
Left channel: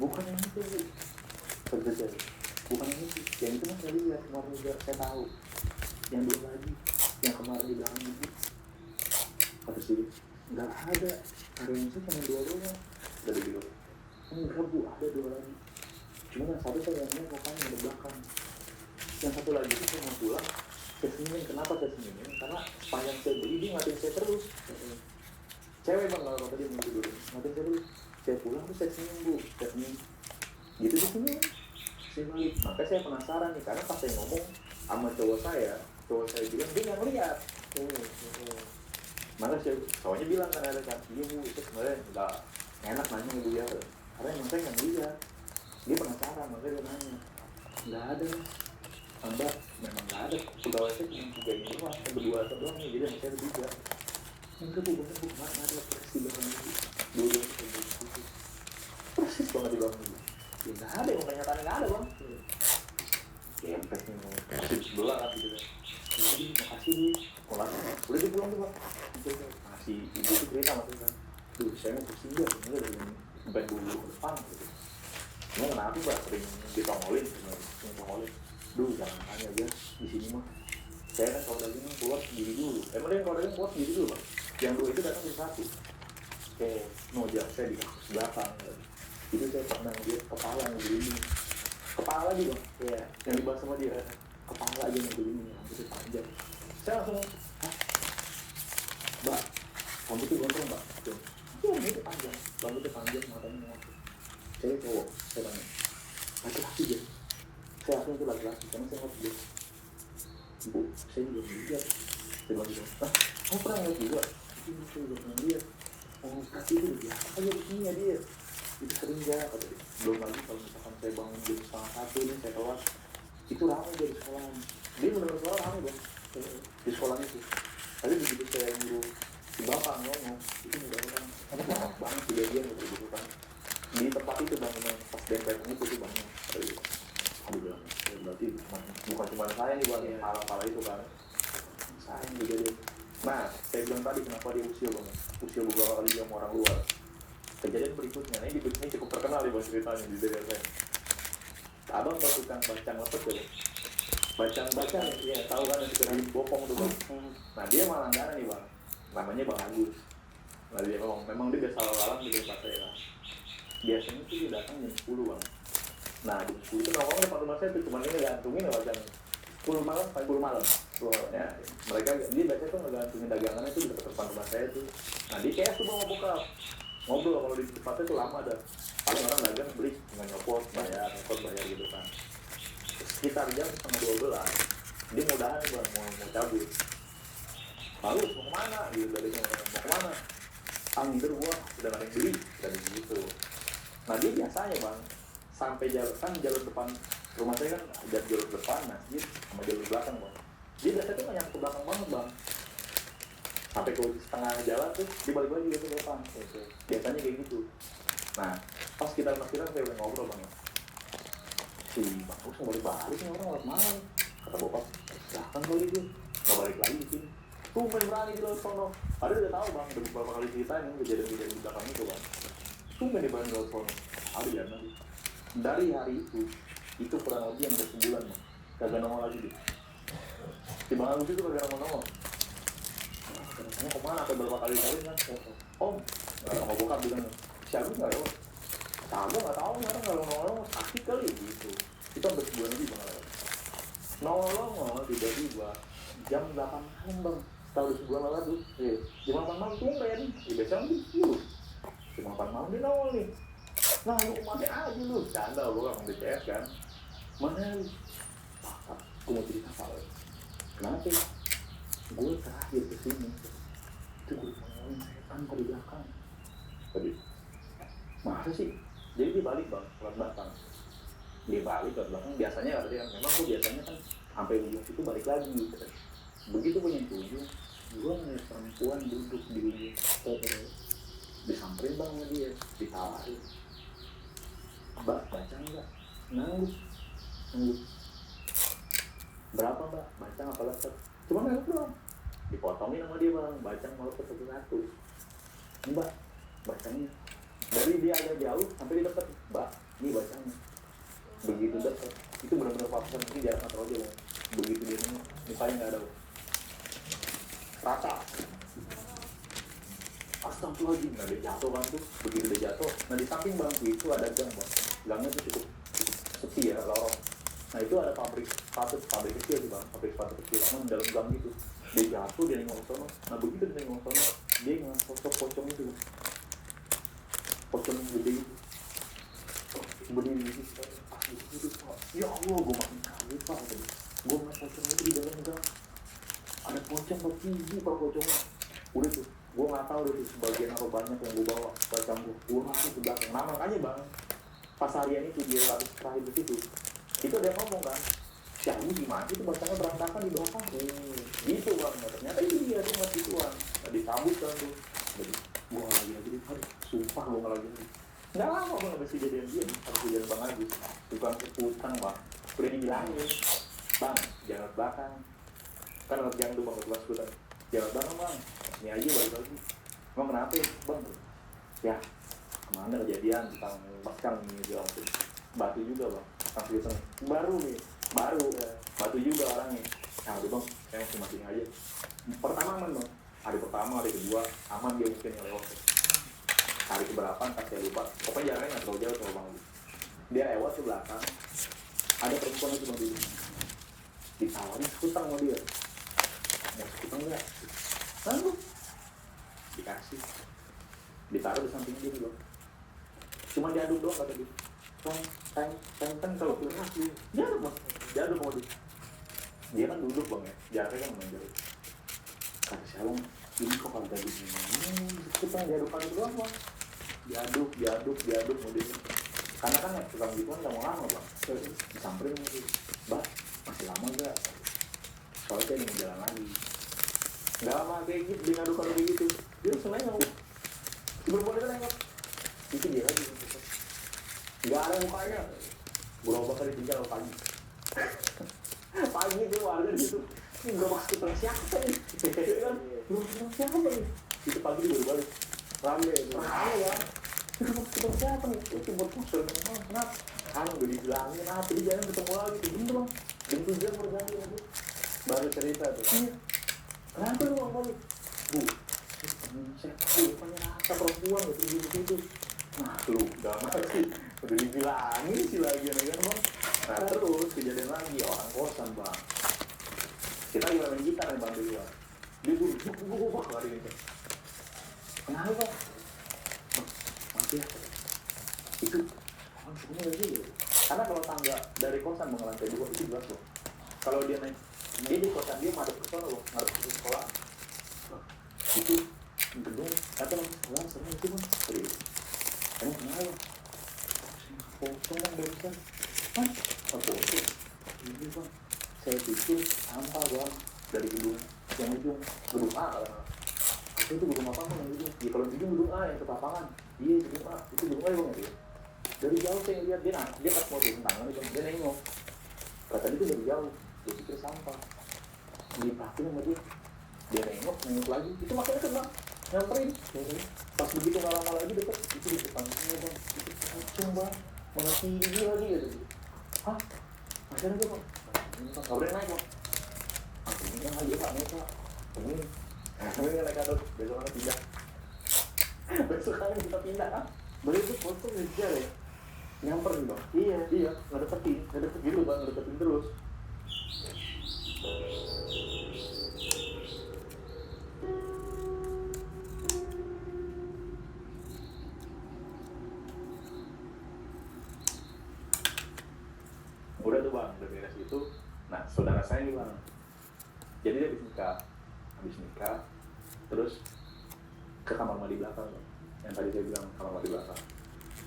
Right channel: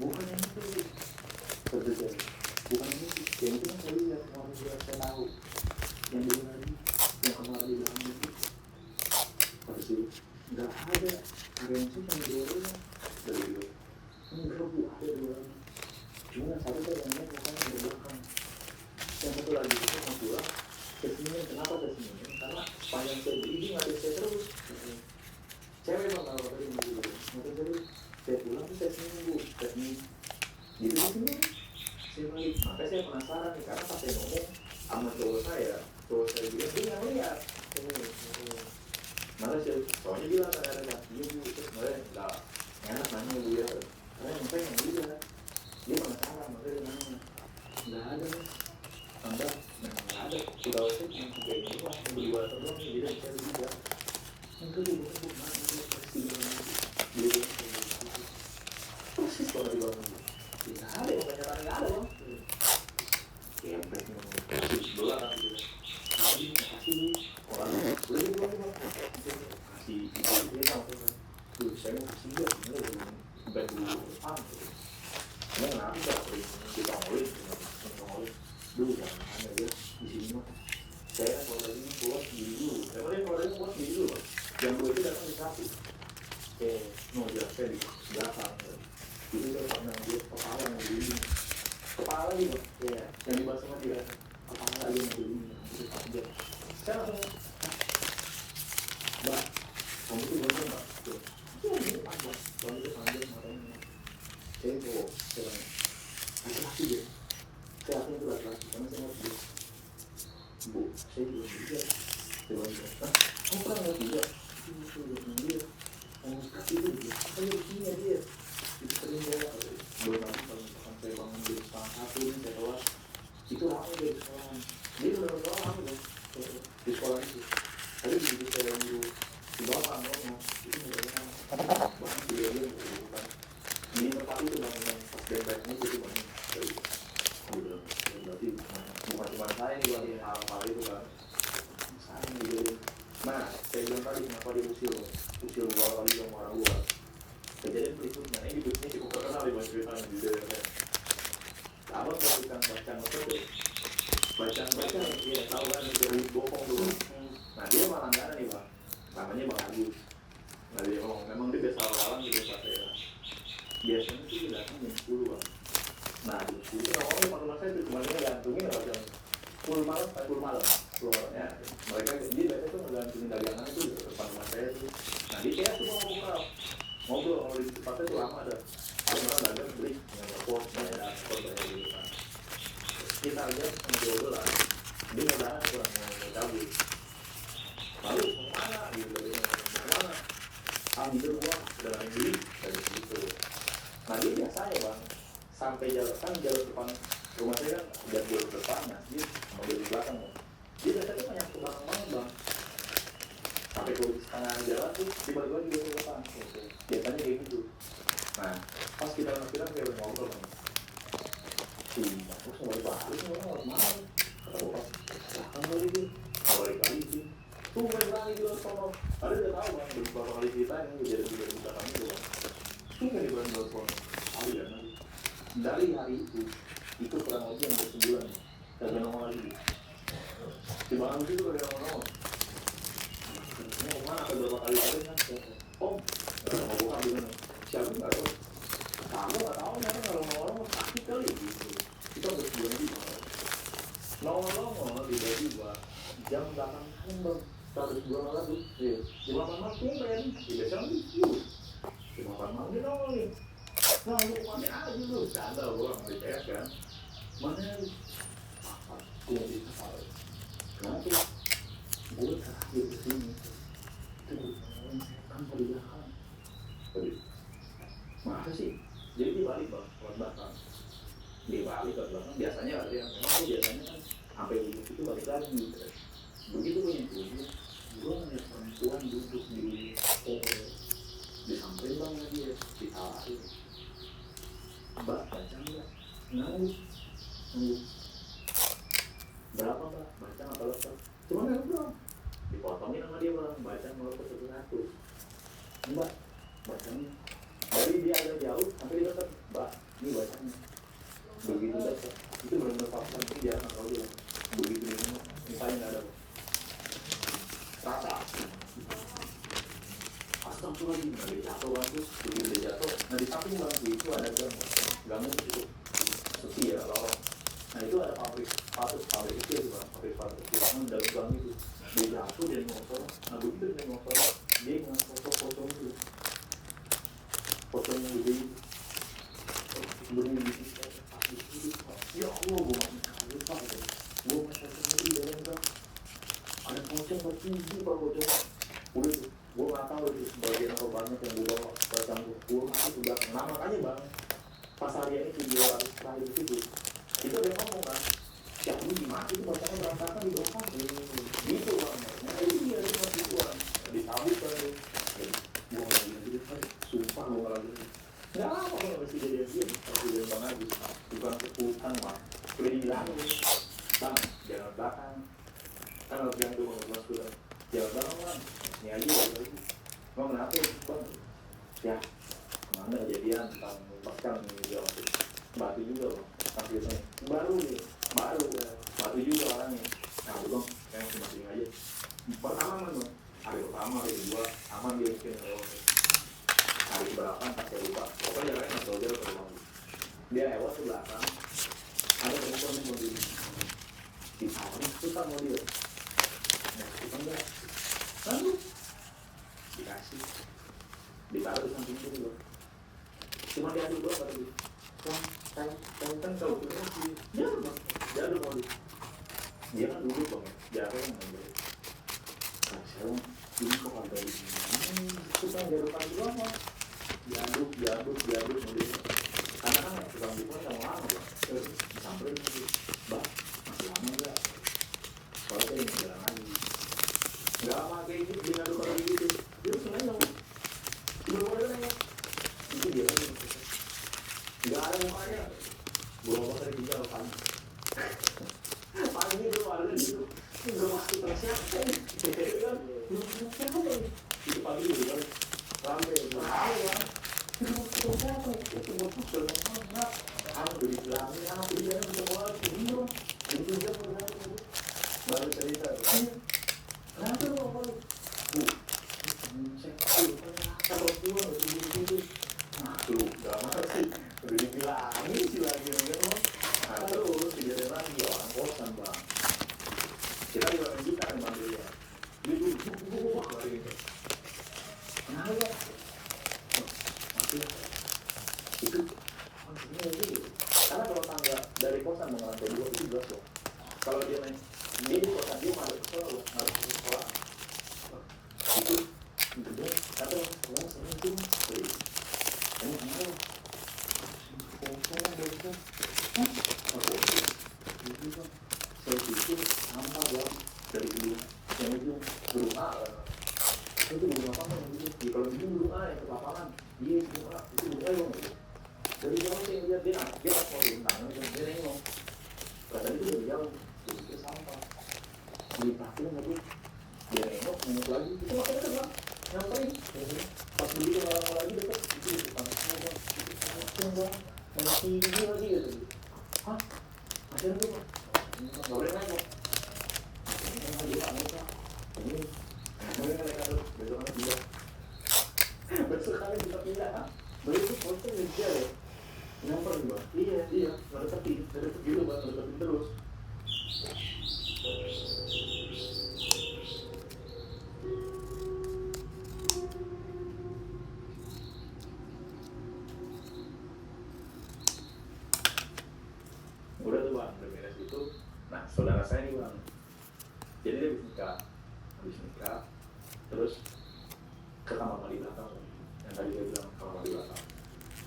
Bukan yang itu sih. Betul. Bukan ini sih. Yang itu kan saya lihat, kalau saya tahu. Yang dulu lagi, yang kemarin di dalam itu. Habis itu, nggak ada karyawan sih yang jualannya. Dari dulu. Enggak bu, ada jualannya. Cuma yang satu tuh yang lain katanya yang belakang. Yang satu lagi itu yang pulang. Saya senyum, kenapa saya senyum? Karena panjang saya beli, dia ngatain saya terus. Cewek bang, kalau tadi mau dulu. Ngatain saya terus. Saya pulang tuh saya senyum bu, saya senyum. Gitu di sini. Makanya saya penasaran nih, karena pas saya ngomong sama cowok saya bilang dia nggak lihat. Mana sih, cowoknya bilang kan ada kan, iya bu, itu sebenarnya nggak enak nanya bu ya, karena yang pengen lihat, dia penasaran, makanya dia nanya, nggak ada nih, abah, memang nggak ada, udah sih cuma 3 ini doang, berdua doang nih, jadi saya juga, enggak bu, mana ada pasti banget, dulu persis banget di bawah ini, nggak ada, kebanyakan nggak ada bang. Ya, kasih sebelah gitu. Jadi kasih orang udah dibilang juga kasih ibu cerita maksudnya. Tuh saya mau kasih dia sebenarnya bukan dulu depan. Ini kenapa sih sering ditongolin, dulu jangan hanya dia di sini mah. Saya kan kalau lagi buat diri dulu. Emang kalau lagi buat diri dulu. Yang dulu itu datang satu. Mau jalan saya di belakang. Itu saya pernah dia kepala yang begini. Kepala dia, ya, yang dibahas sama dia, kepala dia yang begini, itu aja. Saya langsung, mbak, kamu itu bocor mbak, itu panjang, kamu itu panjang matanya. Saya cowok, saya tanya, laki-laki dia, saya langsung itu laki-laki, karena saya mau dia. Bu, saya juga dia, saya bilang dia, kamu pernah ngeliat dia? Ini saya juga pernah dia, kamu kasih itu dia, saya begini dia, itu sering dia, belum lagi kalau misalkan saya bangun jam 1:30 ini saya keluar itu ramai dari sekolahan dia udah sekolah ramai dong di sekolah itu tadi begitu saya dulu di bawah ngomong itu nggak ada banget dia kan di tempat itu bangunnya pas bentengnya itu bangun udah berarti bukan cuma saya yang buat hal-hal itu kan saya juga nah saya bilang tadi kenapa dia usil luar yang orang luar. Kejadian berikutnya, ini cukup terkenal di bawah ceritanya di daerah saya. Abang kalau tukang bacang apa tuh? Bacang, ya tahu kan itu dari bokong dulu. Nah dia malah nggak nih bang, namanya Bang Agus. Nah dia ngomong, memang dia biasa lawan di desa saya. Biasanya sih dia datang jam 10 bang. Nah jam 10 itu awalnya Pak Rumah saya tuh kemarin dia gantungin ya bacang 10 malam sampai 10 malam. Ya, mereka dia biasanya tuh ngegantungin dagangan itu di depan rumah saya tuh. Nah dia kayak tuh mau buka. Ngobrol kalau di tempatnya itu lama dah. Kalau orang dagang beli dengan repot, bayar gitu kan. Sekitar jam 12 dia mudahan mau cabut. Lalu mau mana? Gitu dari mana? Ambil semua sudah lagi beli dan gitu. Nah dia biasanya bang sampai jalur depan rumah saya kan jalur depan, nah dia sama jalur belakang bang. Dia biasanya tuh yang ke belakang banget bang. Sampai ke setengah jalan tuh dibalik lagi ke depan. Biasanya kayak gitu. Nah, pas kita saya udah ngobrol bang. Si bagus balik nih orang malam. Kata bapak, silahkan balik dia. Balik lagi sih. tumben berani di sono. Ada udah tahu bang, udah beberapa kali ceritain kejadian-kejadian di belakang itu bang. Tumben di Bandung sono. Ada ya nanti. Dari hari itu kurang lebih yang bersebulan ya. Kagak nongol lagi. Di Bandung itu kagak nongol. Kamu kemana? Sampai berapa kali kali kan? Om, mau buka bilang siapa nggak tahu. Kamu nggak tahu kan kalau nongol sakit kali gitu. Kita bersebulan juga. Nongol tiba-tiba jam 8 malam bang. Tahu sebulan lalu, jam 8 malam tumben. Besok itu jam 8 malam dia nongol nih. Nah, lu kemana aja lu? Canda gue nggak mau CS kan? Mana lu? Gue mau cerita salah. Kenapa? Gue terakhir kesini itu gue ngomongin setan di belakang. Tadi, masa sih? Jadi dia balik bang, lewat belakang. Dia balik ke belakang. Biasanya dia memang tuh biasanya kan sampai ujung itu balik lagi. Begitu gue nyentuh, gue ngeliat perempuan duduk di pohon. Disamperin bang sama dia, ditarahin. Mbak, baca enggak? Nangis. Berapa mbak? Baca apa letter? Cuma nggak doang. Dipotongin sama dia bang, baca malah satu-satu. Mbak, bacanya. Dari dia agak jauh sampai dia dekat. Mbak, ini bacanya. Begitu dekat. Itu benar-benar faktor ini jarang atau aja bang. Begitu dia ini paling nggak ada. Rata. Astagfirullahaladzim, nah dia jatuh kan tuh. Begitu dia jatuh, nah di samping bang itu ada gang bang. Gangnya di situ. Sepi ya lorong. Nah itu ada pabrik kecil sih bang, pabrik kecil kan dalam gang itu. Dia jatuh, dia ngosong. Nah begitu dia ngosong, dia ngosong pocong itu. Pocong yang gede itu. Berdiri di situ. Ya Allah, gue masih kaget pak. Gue masih sendiri di dalam gang. Ada pocong bertinggi pak pocong. Udah tuh, gue nggak tahu itu sebagian apa banyak yang dibawa pocong itu. Gue masih ke belakang. Nah makanya bang, pas harian itu dia harus terakhir di situ. Itu dia ngomong kan, ya ini gimana sih bacanya berantakan di bawah gitu bang, ternyata iya cuma gituan ditabut kan gue lagi sumpah gue lagi nggak lama gue nggak bisa jadian dia kejadian bang lagi bukan keputusan bang udah dibilangin bang jangan belakang kan harus jangan tuh bang kelas sudah jangan belakang bang ini aja balik lagi emang kenapa bang ya kemana kejadian tentang bakal ini dia batu juga bang masih gitu baru batu juga orangnya nah itu bang yang cuma tinggal aja pertama kan bang hari kedua aman dia mungkin lewat hari keberapa tak saya lupa pokoknya jalannya nggak terlalu jauh bang dia lewat ke belakang ada perempuan cuma ditawarin hutang sama dia nah hutang nggak lalu dikasih ditaruh di samping dia bang cuma diaduk doang kata dia wah kan kalau punya dia duduk mau dia kan duduk bang ya jaraknya kan menjauh kan sekarang ini kok ada di sini kita diaduk doang bang diaduk kemudian karena kan tukang gitu kan mau lama bang disamperin lagi mbak masih lama nggak kalau saya ingin jalan lagi nggak lama kayak gitu diaduk kayak gitu dia sengaja mau bener-bener nengok itu dia lagi nggak ada mukanya berapa kali tinggal pagi itu ada di situ ini belum masuk ke siapa itu pagi udah balik rame ya itu siapa itu buat kusel namanya udah dibilangin dia jangan ketemu lagi belum itu dia berjalan baru cerita tuh kenapa lu mau balik bu saya perempuan begitu nah lu gak masih udah dibilangin sih lagi kan bang nah terus kejadian lagi orang kosan bang kita lagi main gitar nih bang dia duduk lari ini kenapa mati itu ini lagi karena kalau tangga dari kosan bang lantai 2 itu jelas loh kalau dia naik dia di kosan dia masuk ke sekolah loh harus ke sekolah itu gedung datang ya sering itu bang emang kenapa dia kan aku ini bang saya pikir sampah bang dari gedung yang itu gedung A lah itu gedung apa bang itu ya kalau itu gedung A yang ke lapangan iya gedung A itu gedung A bang dari jauh saya lihat dia pas mau turun tangan itu dia nengok katanya itu dari jauh dia pikir sampah dia parkir sama dia nengok nengok lagi, itu makin deket bang, nyamperin. Pas begitu lama lagi deket, itu di depan bang, itu bang, mengasih ini lagi ya tuh. Hah? Masih ada bang? Nggak boleh naik bang. Ini aja pak, naik pak. Ini naik terus, besok kan pindah. Besok kali kita pindah, ah? Beli itu posnya ngejar ya, nyamperin bang. Iya, nggak deketin gitu bang, deketin terus. Udah tuh bang, udah beres itu. Nah saudara saya nih bang, jadi dia habis nikah, terus ke kamar mandi belakang, yang tadi saya bilang kamar mandi belakang.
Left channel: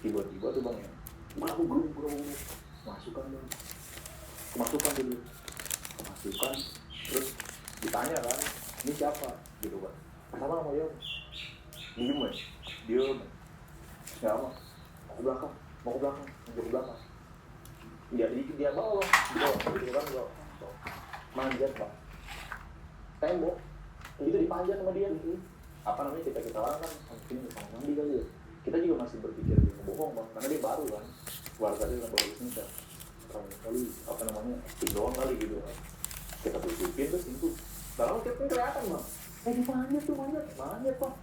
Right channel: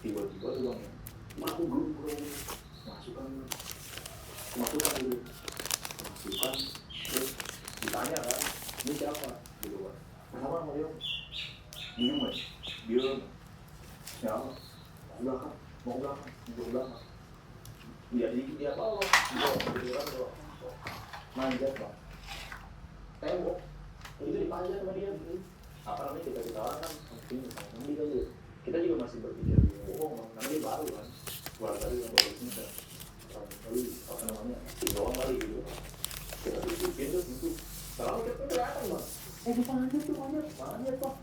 Tiba-tiba tuh bang ya, masuk bro, masukkan dulu, masukkan, terus ditanya kan, ini siapa, gitu kan. Pertama nama dia, diem, siapa, mau ke belakang. Ya dikit dia bawah, gitu kan, manjat bang, tembok, itu dipanjat sama dia gitu. Apa namanya kita orang kan, mandi kali ya. Kita juga masih berpikir bohong bang, karena dia baru kan, warga dia yang baru nikah, kali apa namanya, doang kali gitu kan. Kita tutupin terus itu, kalau kita kelihatan bang, dipanjat tuh manjat bang,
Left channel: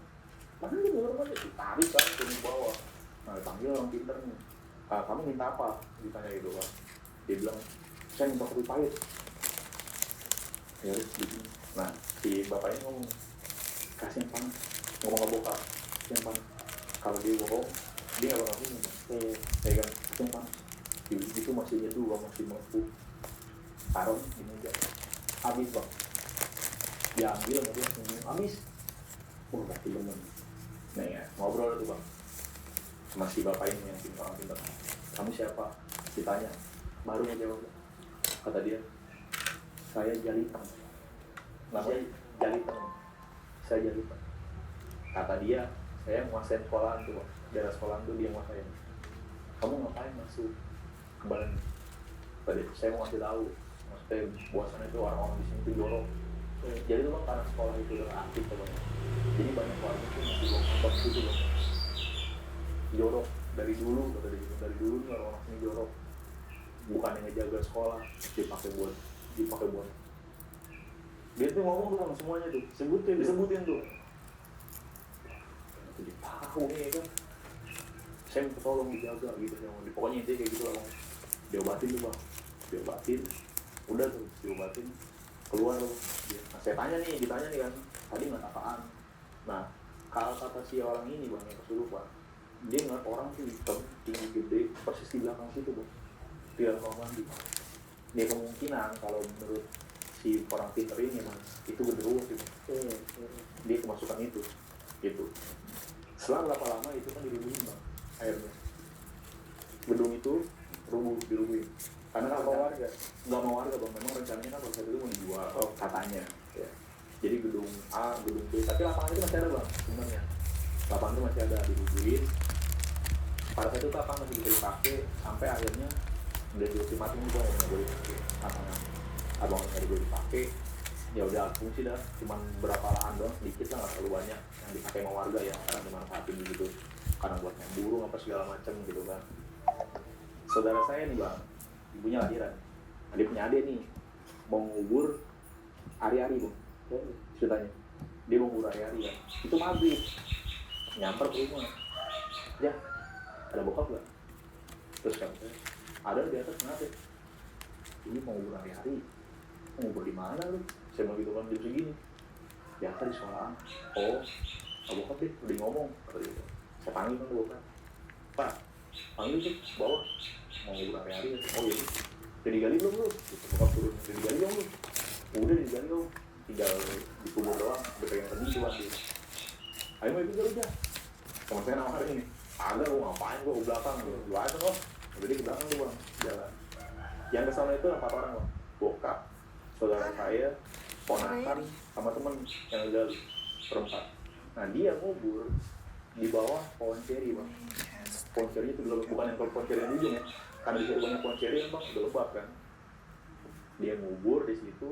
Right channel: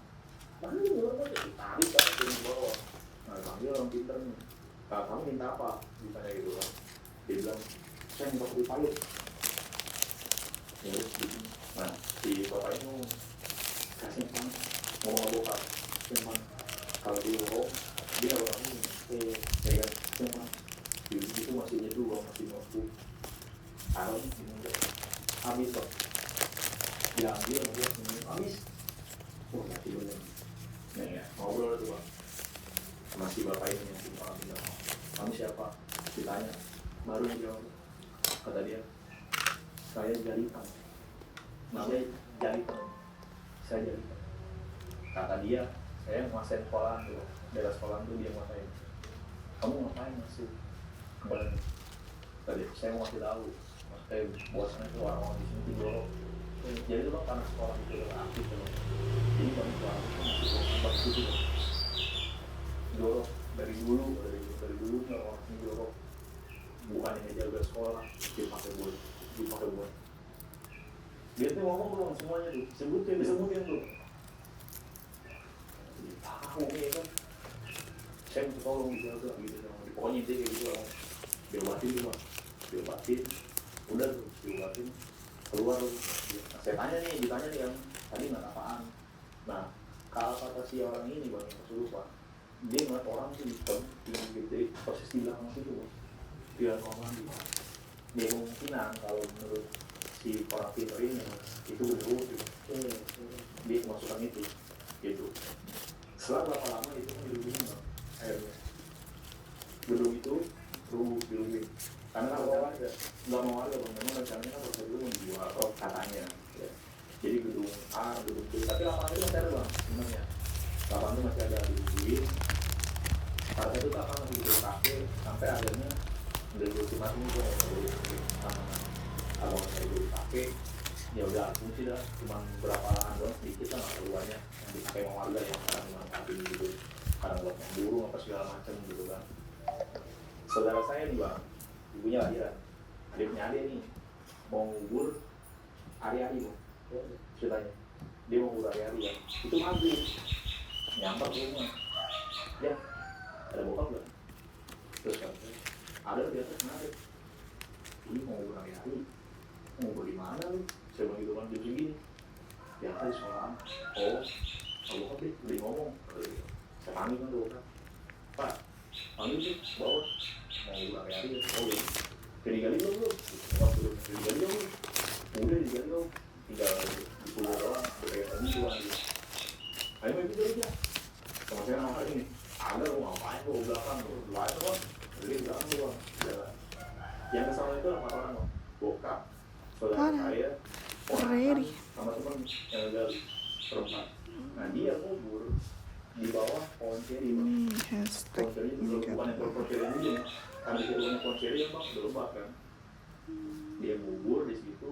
mana di luar banget, ditarik kan turun ke bawah. Nah panggil orang pintar nih, kamu minta apa? Ditanya gitu kan. Dia bilang, saya minta kopi pahit. Ya udah gitu. Nah si bapaknya ngomong, kasih yang panas, ngomong ke bokap, yang panas. Kalau dia bohong, dia nggak bakal ngomong. Ya kan, yang panas. Itu masih nyeduh, masih mampu. Taruh di meja, habis bang. Diambil, habis. Oh mati bener. Nah ya, ngobrol tuh bang. Masih bapak ini yang tinggal pintar. Kamu siapa? Ditanya. Baru jawab. Kata dia, saya Jalipan. Namanya Jalipan. Saya Jalipan. Kata dia, saya nguasain sekolahan tuh. Daerah sekolahan tuh dia nguasain. Kamu ngapain masuk ke Bandung? Tadi saya mau kasih tahu. Maksudnya buasannya itu orang-orang di sini tuh jorok. Jadi tuh bang, karena sekolah itu udah aktif ya bang. Jadi banyak orang itu masih kompas gitu bang. Jorok dari dulu tuh orang ini jorok, bukannya ngejaga sekolah, dipakai buat dia tuh ngomong tuh semuanya tuh, disebutin tuh. Jadi tahu nih kan, saya minta tolong dijaga gitu, pokoknya intinya kayak gitu lah. Diobatin tuh bang, udah tuh diobatin, keluar tuh. Nah, saya ditanya nih kan, tadi nggak apaan. Nah kalau kata si orang ini bang yang kesurupan, dia ngeliat orang tuh hitam, tinggi gede, persis di belakang situ bang, di dalam kamar mandi. Dia kemungkinan kalau menurut si orang pintar ini itu udah gitu. Dia kemasukan itu gitu. Setelah berapa lama itu kan dilubungin bang, airnya. Gedung itu rubuh dilubungin. Karena kan nggak mau warga bang, memang rencananya kan harus itu mau dijual katanya. Ya. Jadi gedung A, gedung B, tapi lapangan itu masih ada bang sebenarnya. Lapangan itu masih ada dilubungin. Pada itu kan masih bisa dipakai sampai akhirnya udah ultimatum juga ya nggak boleh dipakai. Abang nggak boleh dipakai, ya udah fungsi dah, cuma berapa lahan doang sedikit lah, keluarnya yang dipakai sama warga yang akan dimanfaatin gitu, karena buat burung apa segala macam gitu kan. Saudara saya nih bang, ibunya lahiran, adiknya ade nih mau ngubur hari-hari bang, ceritanya dia mau ngubur hari-hari ya, itu maghrib nyamper ke rumah, ya ada bokap gak? Terus kan ada di atas kenapa? Ini mau ngubur hari-hari, mau ngubur di mana nih? Saya bilang gitu kan, dia begini biasa di sekolahan. Oh bokap deh, udah ngomong. Saya panggil kan bokap, pak panggil sih, bawa mau ngubur hari-hari ya. Oh iya, udah digali belum? Bokap turun, udah digali dong. Udah digali dong, tinggal dikubur doang, udah pengen lagi doang gitu. Ayo mau ikut aja sama saya namanya ini. Ada lu ngapain gua ke belakang gitu, gua aja kok. Jadi ke belakang gua jalan. Yang kesana itu 4 orang bang, bokap, saudara saya, ponakan, sama temen yang ada perempat. Nah dia ngubur di bawah pohon ceri bang. Pohon ceri itu bukan yang pohon ceri ini ya, karena di rumahnya pohon ceri bang udah lebat kan. Dia ngubur di situ,